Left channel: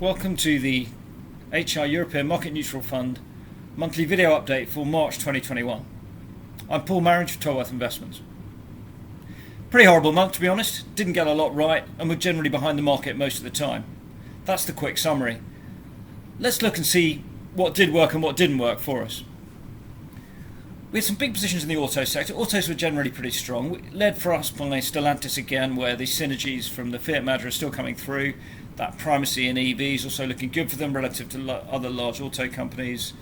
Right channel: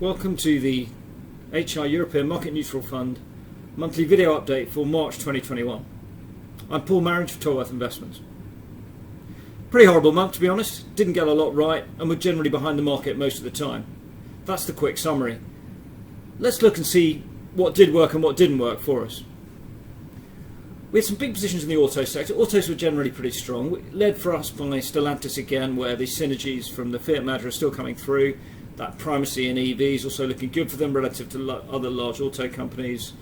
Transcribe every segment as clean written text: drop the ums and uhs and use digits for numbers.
Welcome to the HR European Market Neutral Fund monthly video update for March 2021. I'm Paul Marriage for Tolworth Investments. Pretty horrible month, to be honest. Didn't get a lot right and we're generally behind the market most of the time. That's the quick summary. Let's look and see what did work and what didn't work for us. We had some big positions in the auto sector. Autos were generally pretty strong, led for us by Stellantis again, where the synergies from the Fiat merger are still coming through. That primacy in EVs also looking good for them relative to other large auto companies.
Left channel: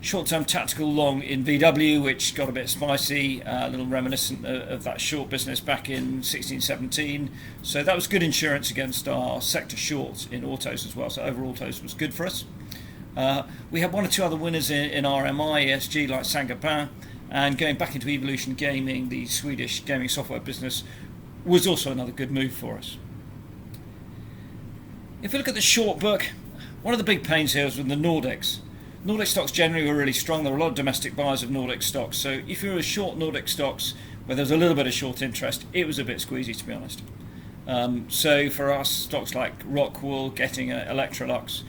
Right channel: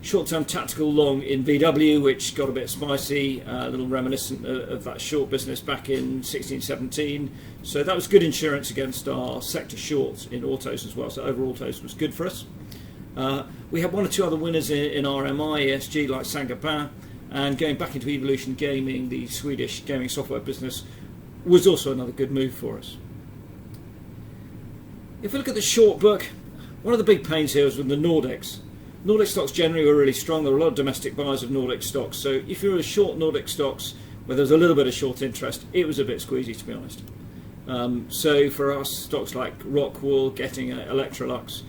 Short-term tactical long in VW, which got a bit spicy, a little reminiscent of that short business back in 16-17. So that was good insurance against our sector shorts in autos as well. So overall autos was good for us. We had one or two other winners in RMI, ESG, like Saint-Gobain, and going back into Evolution Gaming, the Swedish gaming software business, was also another good move for us. If we look at the short book, one of the big pains here is with the Nordics. Nordic stocks generally were really strong. There were a lot of domestic buyers of Nordic stocks. So if you were short Nordic stocks, where there was a little bit of short interest, it was a bit squeezy, to be honest. So for us, stocks like Rockwool, getting Electrolux,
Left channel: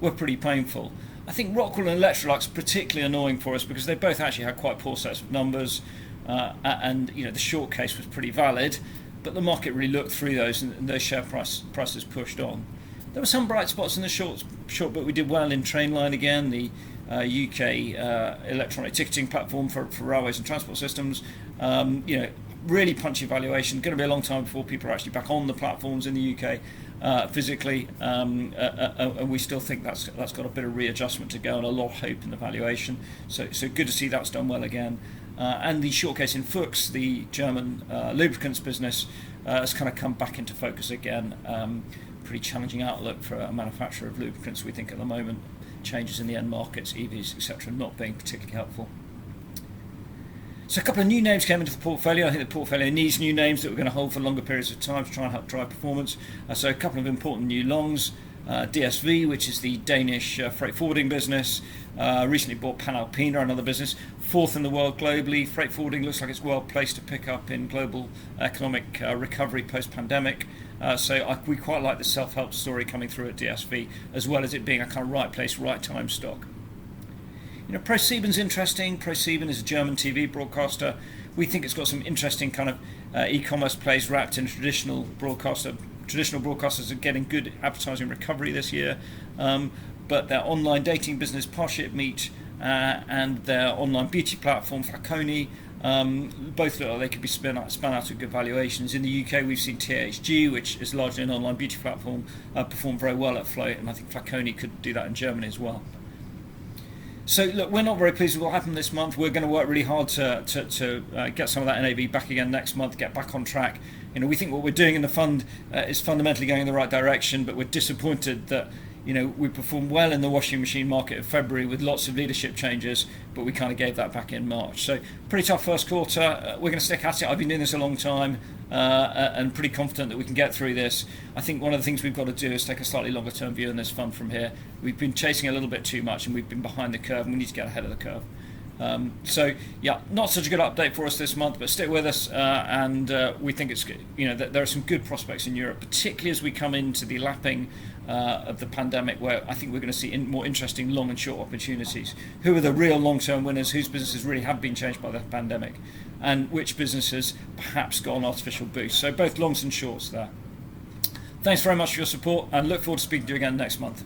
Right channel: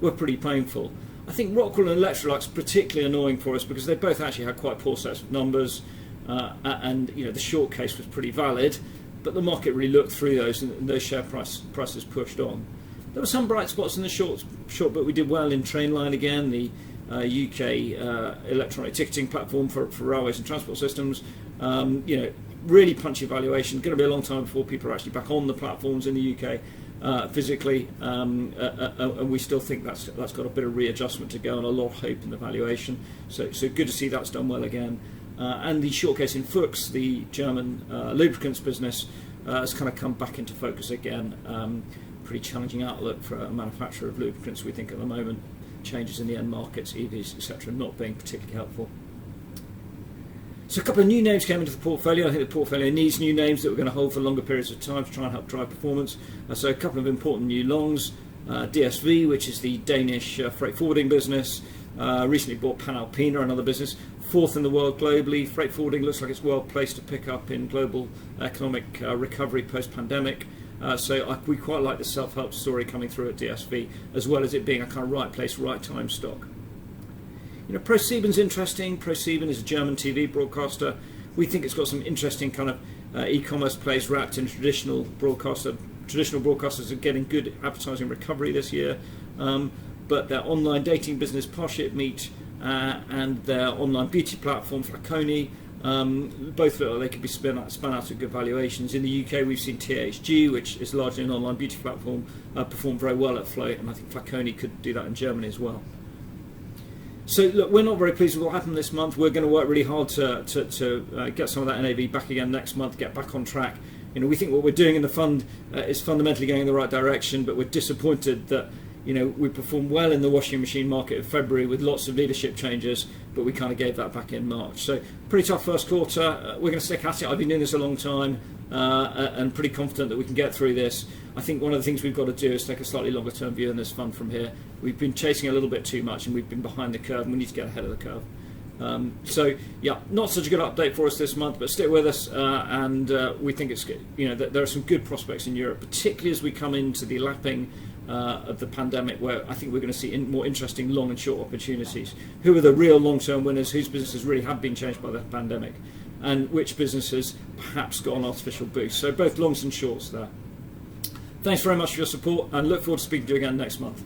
were pretty painful. I think Rockwool and Electrolux particularly annoying for us because they both actually had quite poor sets of numbers, and the short case was pretty valid, but the market really looked through those and those share prices pushed on. There were some bright spots in the short book. We did well in Trainline again, the UK electronic ticketing platform for railways and transport systems. Really punchy valuation. Going to be a long time before people are actually back on the platforms in the UK physically, and we still think that's got a bit of readjustment to go and a lot of hope in the valuation. So good to see that's done well again. And the short case in Fuchs, the German lubricants business, has kind of come back into focus again. Pretty challenging outlook for a manufacturer of lubricants, we think, at the moment. Changes in the end markets, EVs, etc., not being particularly helpful. So a couple of new names came into the portfolio. I think the portfolio needs new names that we're going to hold for longer periods of time to try and help drive performance. So a couple of important new longs. DSV, which is the Danish freight forwarding business, recently bought Panalpina, another business, fourth in the world globally. Freight forwarding looks like it's well placed to pick up in global economic recovery post-pandemic. So we quite like the self-help story coming through at DSV, as well as it being a kind of right place, right time stock. ProSieben's interesting. ProSieben is a German TV broadcaster. We think it's got some interesting kind of e-commerce plays wrapped in traditional broadcaster. Traditional broadcasters are getting good advertising recovery this year, but their online dating business, Parship and their online beauty platform, Flaconi, both look like they could be spun out at good valuations. In the UK, we've seen THG, which is largely an online beauty platform, perform very well at float, and I think Flaconi could do that in Germany as well. So look, we're not very pleased with what happened this month. We're going to work really hard to get some of that NAV back again next month, get back on track. We think what we're doing in the fund is fundamentally going in the right direction, but we're disappointed that we performed well in the washing machine market in February with lots of leadership changes, but we kind of gave that back in March. So pretty tough first quarter. We're going to stick at it. I've been doing this a long time and pretty confident that we can get through this. I think one of the things we've got to do is take a slightly longer term view in this fund from here. We've been chasing a little bit too much and we've been behind the curve, and we need to get ahead of the curve. Not such a good update for us this month, but stick with us, and we think it's good. There are some good prospects in Europe, particularly as we come into the lapping of the pandemic, where I think we're going to see more interesting long and short opportunities. Who are the real long-term winners? Whose businesses really have been changed by the pandemic, and which businesses perhaps got an artificial boost? So both longs and shorts there. Thanks very much for your support, and look forward to speaking to you again next month.